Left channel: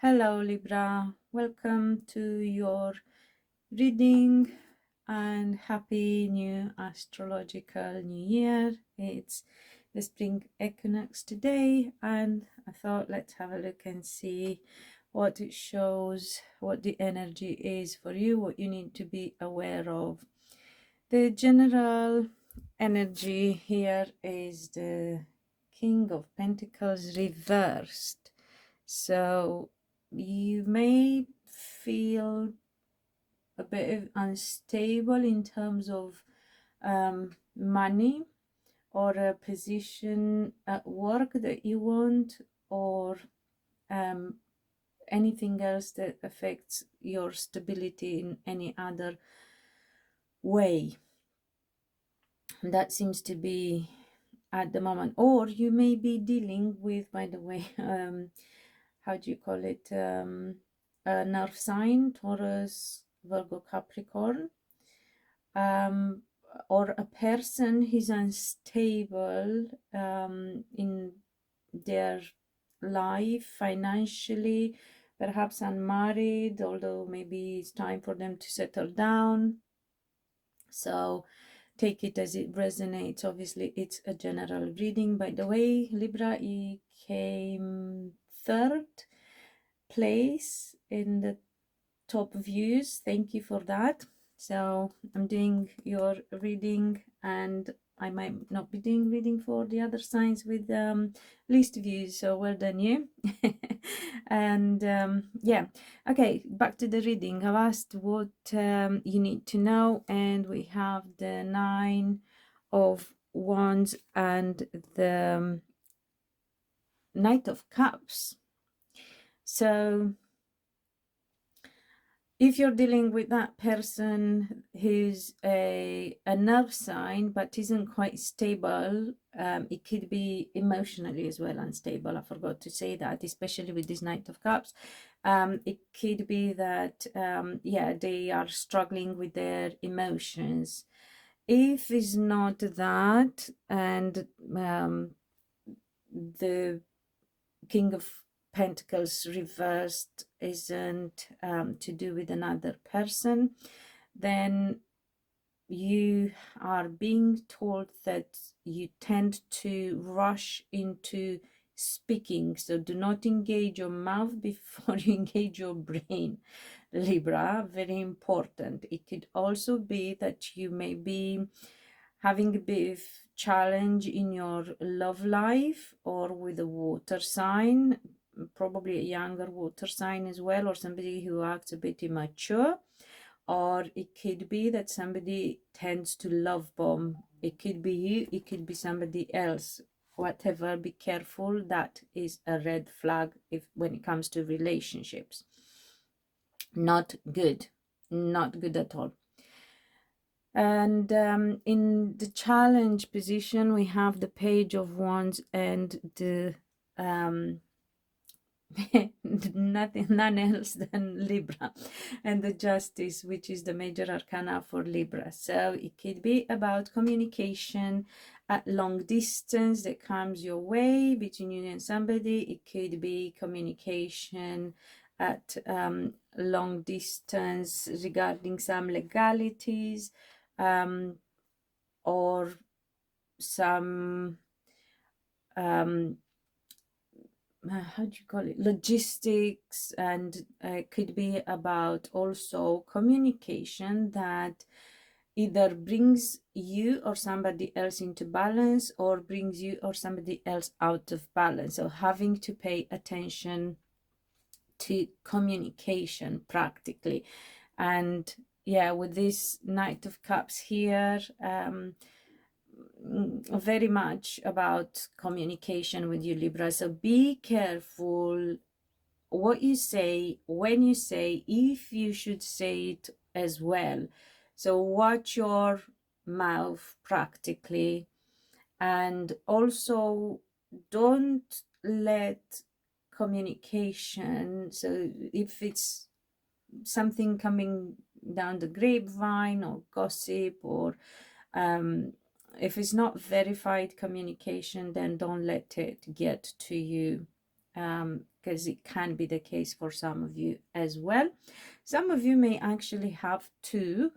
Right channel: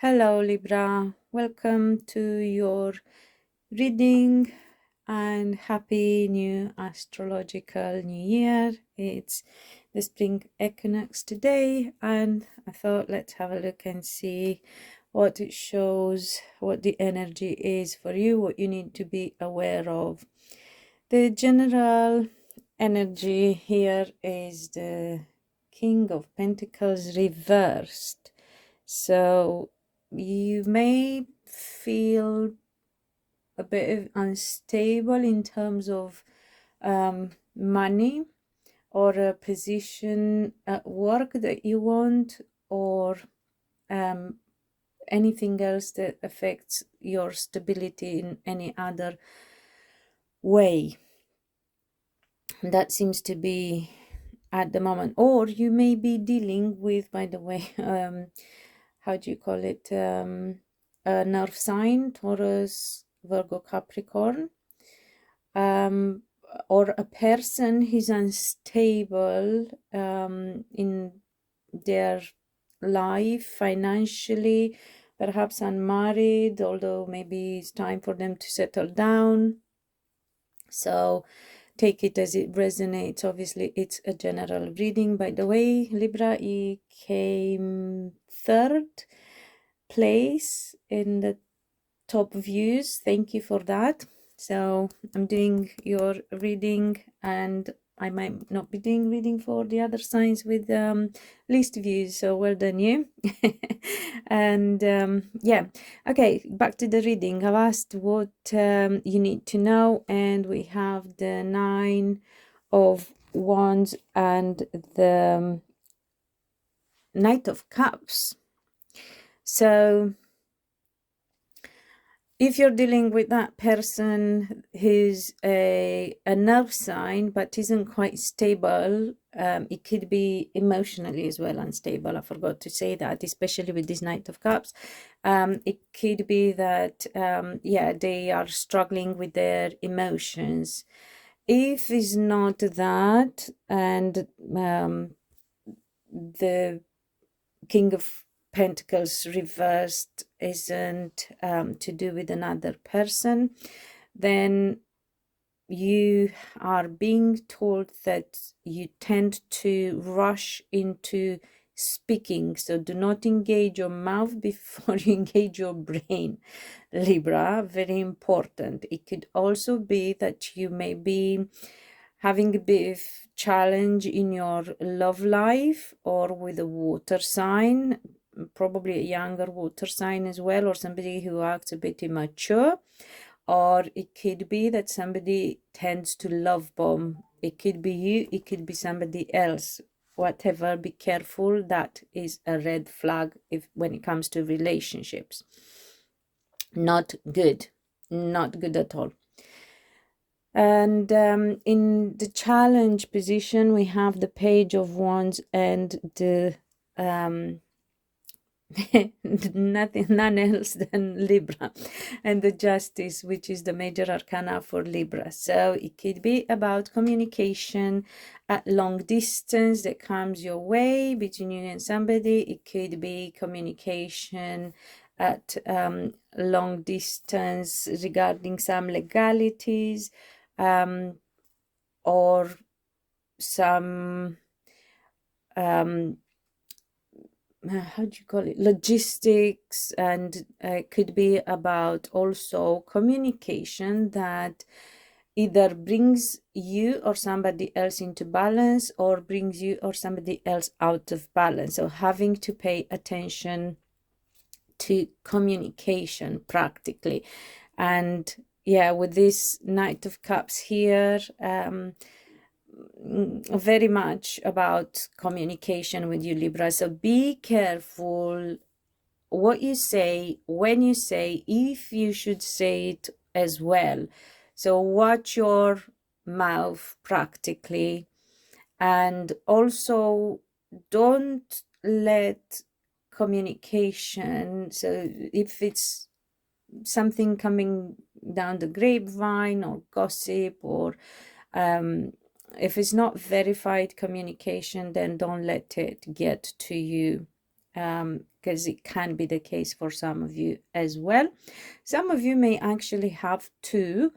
Hello Libra, welcome to your reading and happy new astrological new year. It's the spring equinox today, and I thought let's have a look and see what it shows, what the energy is for you, what you need to be aware of. The general energy here is the King of Pentacles reversed. So you may feel a bit unstable in terms of money or a position at work that you want, or anything else that affects your stability in any other way. That seems to be at the moment. Or you may be dealing with, by the way, how do you call it, a nerve sign, Taurus, Virgo, Capricorn, or a person who's unstable in their life financially, perhaps unmarried, although maybe it's time for them to settle down. So take it as it resonates. Obviously it's a general reading. By the way, Libra, it came third place in the top views. Thank you for that. So I'm doing your reading, and I might not be doing reading for the other signs with least views, so well done you. And yeah, okay, back to the reading. I've asked what you need to know, and we have the Nine of Wands and the Knight of Cups. So if you're dealing with that person who's a nerve sign but isn't quite stable, it could be emotionally as well unstable. I forgot to say that, especially with this Knight of Cups. It could be that, yeah, they are struggling with their emotions. If it's not that, and the King of Pentacles reversed isn't to do with another person, then you are being told that you tend to rush into speaking. So do not engage your mouth before you engage your brain, Libra. Very important. It could also be that you may be having a bit of challenge in your love life, or with a water sign, probably a younger water sign as well, or somebody who acts a bit immature. Or it could be that somebody tends to love bomb. It could be you, it could be somebody else. Whatever, be careful. That is a red flag when it comes to relationships. Not good. Not good at all. And in the challenge position, we have the Page of Wands and the none else than Libra, and the Justice, which is the major arcana for Libra. So it could be about communication at long distance that comes your way between you and somebody. It could be communication at long distance regarding some legalities, or some how do you call it, logistics. And it could be about also communication that either brings you or somebody else into balance, or brings you or somebody else out of balance. So having to pay attention to communication practically. And yeah, with this Knight of Cups here, very much about communication with you, Libra. So be careful what you say, when you say, if you should say it as well. So watch your mouth practically. And also don't let communication, so if it's something coming down the grapevine or gossip, or if it's not verified communication, then don't let it get to you, because because it can be the case for some of you as well. Some of you may actually have to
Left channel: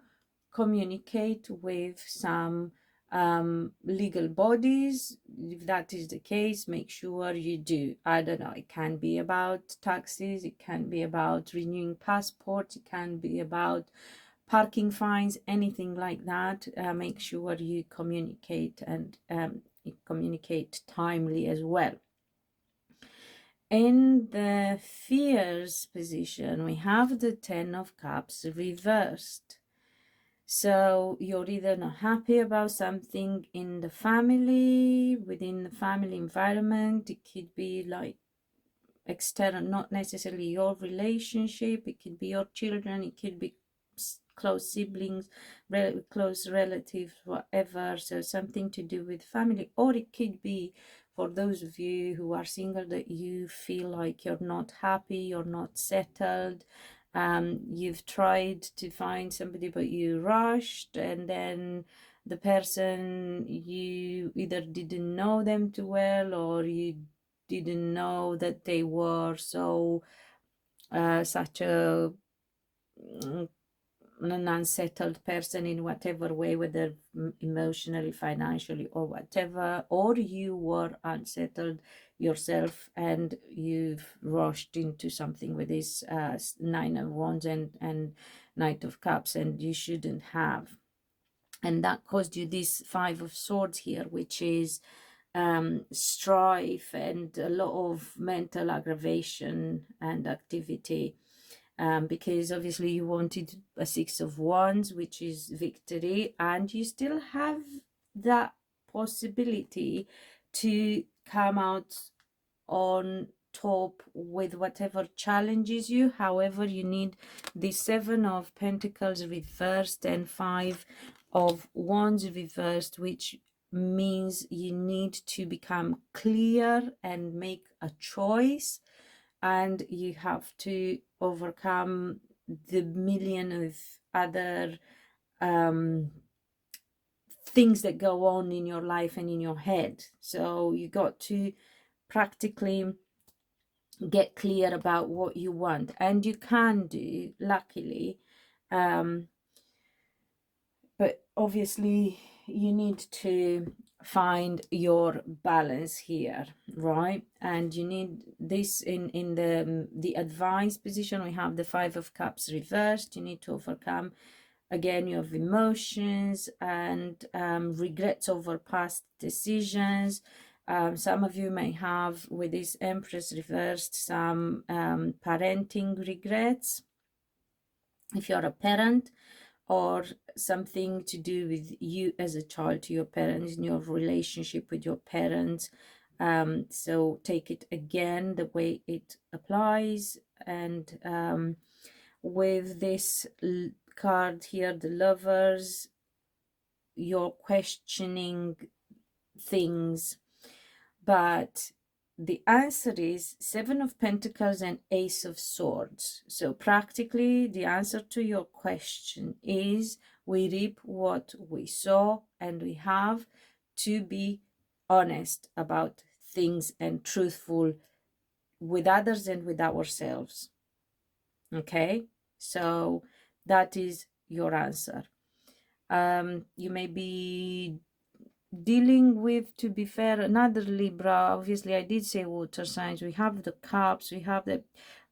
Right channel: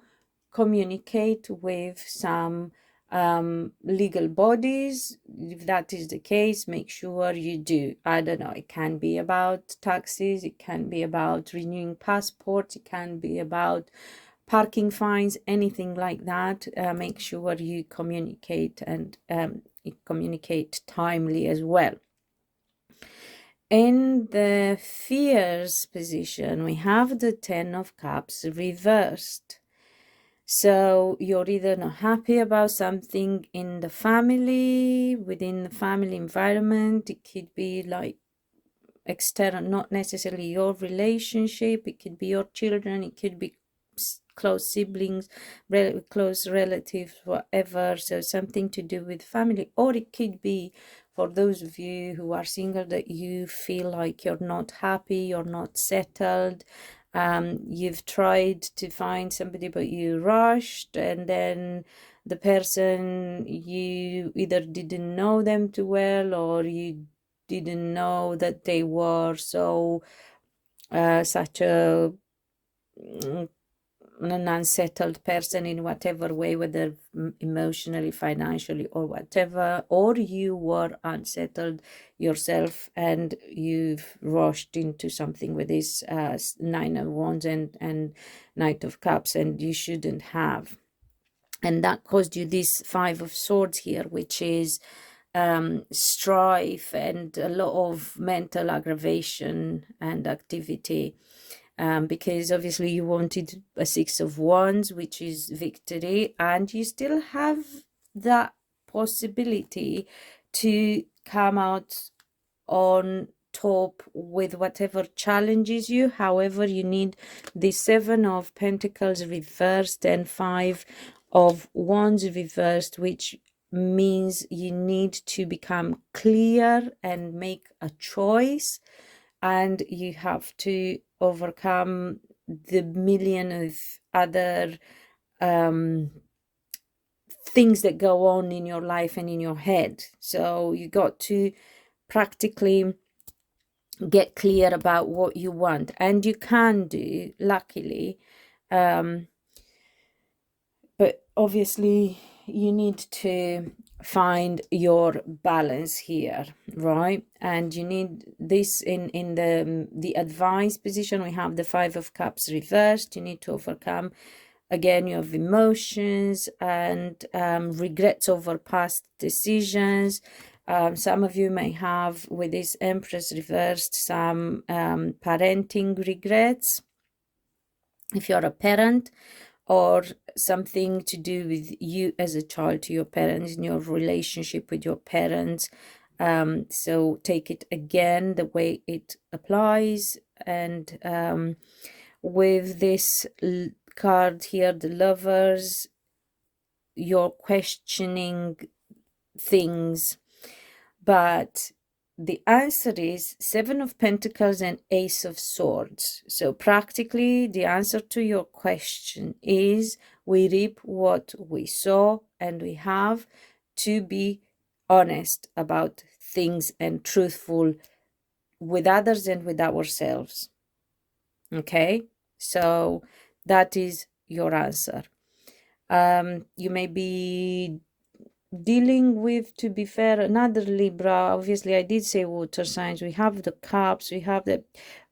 communicate with some legal bodies. If that is the case, make sure you do. I don't know, it can be about taxes, it can be about renewing passports, it can be about parking fines, anything like that. Make sure you communicate, and communicate timely as well. In the fears position, we have the 10 of Cups reversed. So you're either not happy about something in the family, within the family environment. It could be like external, not necessarily your relationship. It could be your children. It could be close siblings, close relatives, whatever. So something to do with family. Or it could be, for those of you who are single, that you feel like you're not happy, you're not settled. You've tried to find somebody, but you rushed, and then the person, you either didn't know them too well, or you didn't know that they were so such a an unsettled person in whatever way, whether emotionally, financially, or whatever, or you were unsettled yourself and you've rushed into something with this 9 of Wands and Knight of Cups, and you shouldn't have. And that caused you this 5 of Swords here, which is strife and a lot of mental aggravation and activity. Because obviously you wanted a 6 of Wands, which is victory, and you still have that possibility to come out on top with whatever challenges you. However, you need the 7 of Pentacles reversed and 5 of Wands reversed, which means you need to become clear and make a choice, and you have to overcome the million of other things that go on in your life and in your head. So you got to practically get clear about what you want, and you can do, luckily, but obviously you need to find your balance here, right? And you need this in the advice position. We have the 5 of Cups reversed. You need to overcome, again, you have emotions and regrets over past decisions. Some of you may have, with this Empress reversed, some parenting regrets if you're a parent, or something to do with you as a child to your parents, in your relationship with your parents. So take it again the way it applies. And with this card here, the Lovers, you're questioning things, but the answer is 7 of Pentacles and Ace of Swords. So practically the answer to your question is we reap what we sow, and we have to be honest about things and truthful with others and with ourselves. Okay, so that is your answer. You may be dealing with, to be fair, another Libra. Obviously I did say water signs. We have the Cups, we have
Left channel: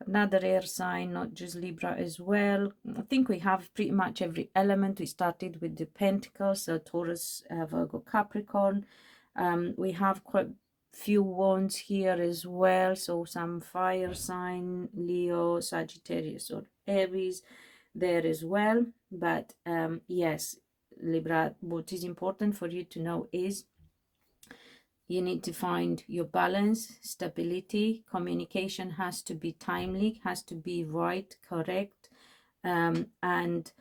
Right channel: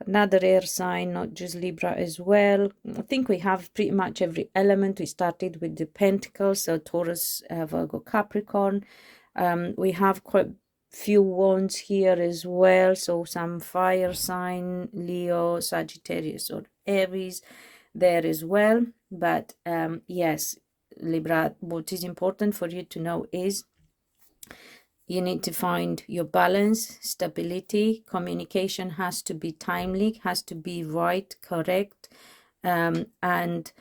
another air sign, not just Libra as well. I think we have pretty much every element. We started with the Pentacles, so Taurus, Virgo, Capricorn. We have quite few wands here as well, so some fire sign, Leo, Sagittarius, or Aries there as well. But yes, Libra, what is important for you to know is you need to find your balance, stability. Communication has to be timely, has to be right, correct, and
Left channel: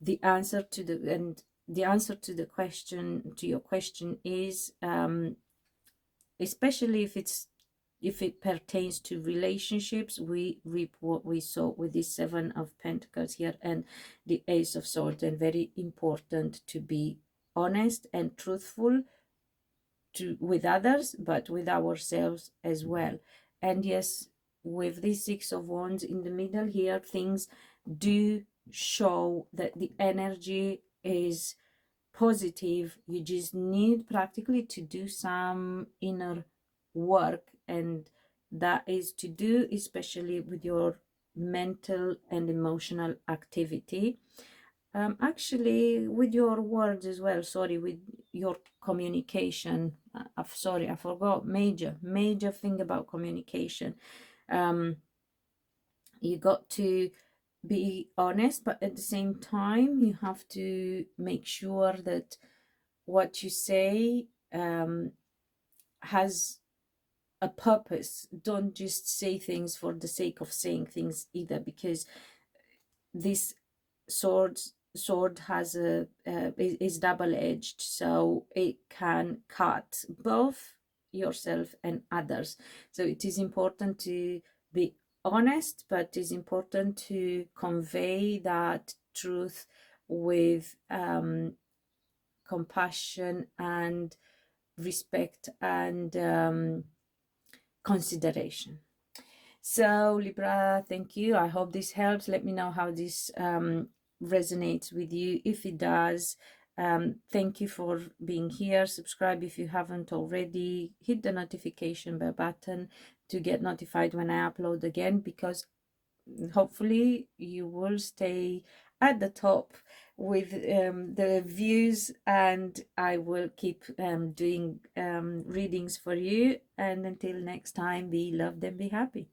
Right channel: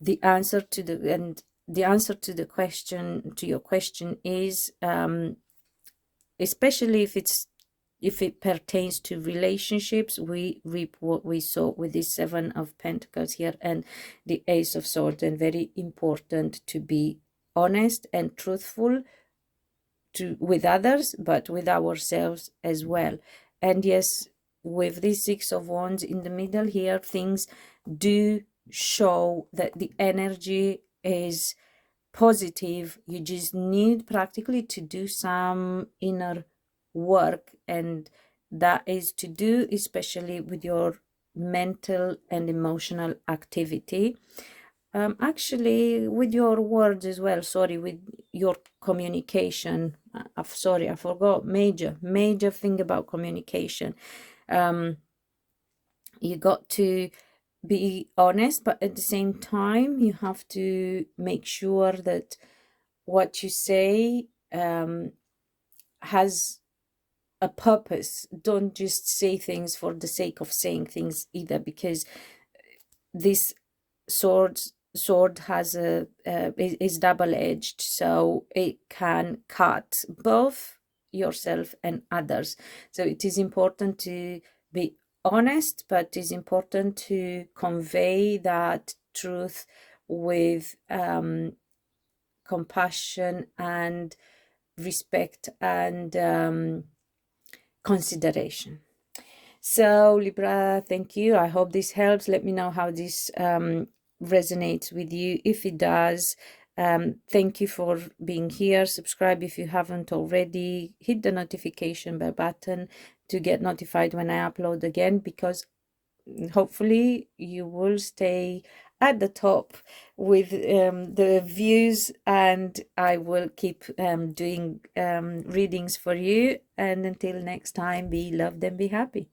the answer to the question, to your question, is especially if it pertains to relationships, we reap what we sow, with the 7 of Pentacles here and the Ace of Swords. And very important to be honest and truthful with others, but with ourselves as well. And yes, with this Six of Wands in the middle here, things do show that the energy is positive. You just need practically to do some inner work, and that is to do especially with your mental and emotional activity. Actually with your words as well, sorry, with your communication. Sorry, I forgot major thing about communication. You got to be honest, but at the same time you have to make sure that what you say has a purpose. Don't just say things for the sake of saying things either, because this sword has a is double-edged, so it can cut both yourself and others. So it is important to be honest, but it is important to convey that truth with compassion and respect and consideration. So Libra, thank you. I hope this helps. Let me know how this resonates with you. If it does, thank you for being here. Subscribe if you haven't already. Hit the notification bell button to get notified when I upload again, because hopefully you will stay at the top with the views, and I will keep doing readings for you. And until next time, be loved and be happy.